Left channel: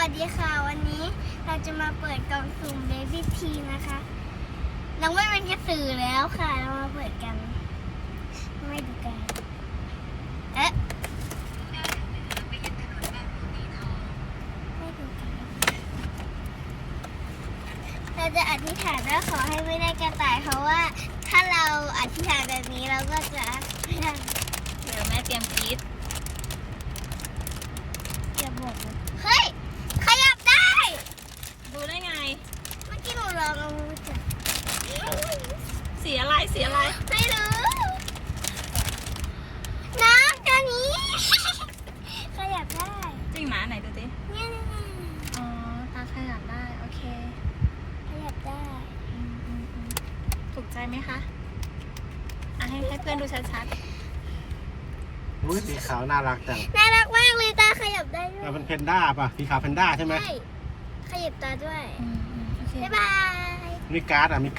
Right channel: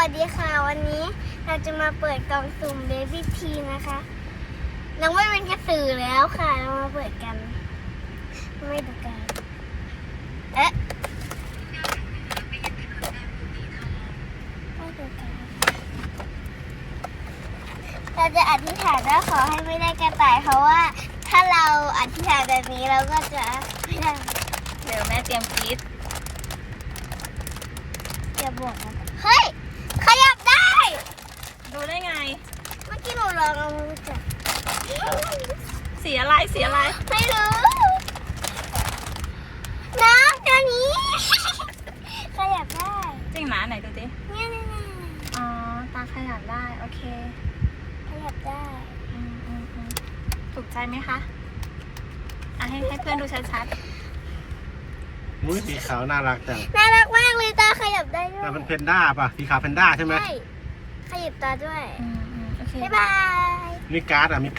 วัสดีค่ะวันนี้เราจะมาเปิดกล่องสุ่มเบบี้ทีนะคะน้องไม่เป็นกระสือแล้วค่ะเรามาเปิดกันไม่ดูกันไม่ดูกันเราจะอธิษฐานว่าขอให้ไม่ได้กระต่ายเพราะว่าถ้าเราอธิษฐานแบบนี้เราก็จะไม่ได้เดี๋ยวแม่เตรียมกรีดอย่าบอกนะเฮ้ยขยับได้ดูได้ไงเมื่อกี้หนูลองเอามือจับสีอะไรสีอะไรไม่รู้น้ำตัวนี้ ขยับได้จริงหมาไหนดูดิเนี่ยอ๋อตาขยับได้โอเคขยับได้อืมถูกใจไหมคะให้เพื่อนดูชัดอุ้ยสีขาวน่ารักจังน่ารักมากเลยตาขยับได้ด้วยแต่เป็นเพนด้าป่ะสีขาวเพนด้าใช่ไหมใช่ขยับตาด้วยๆโอเคบ๊ายบายมีการ์ดอ่ะมี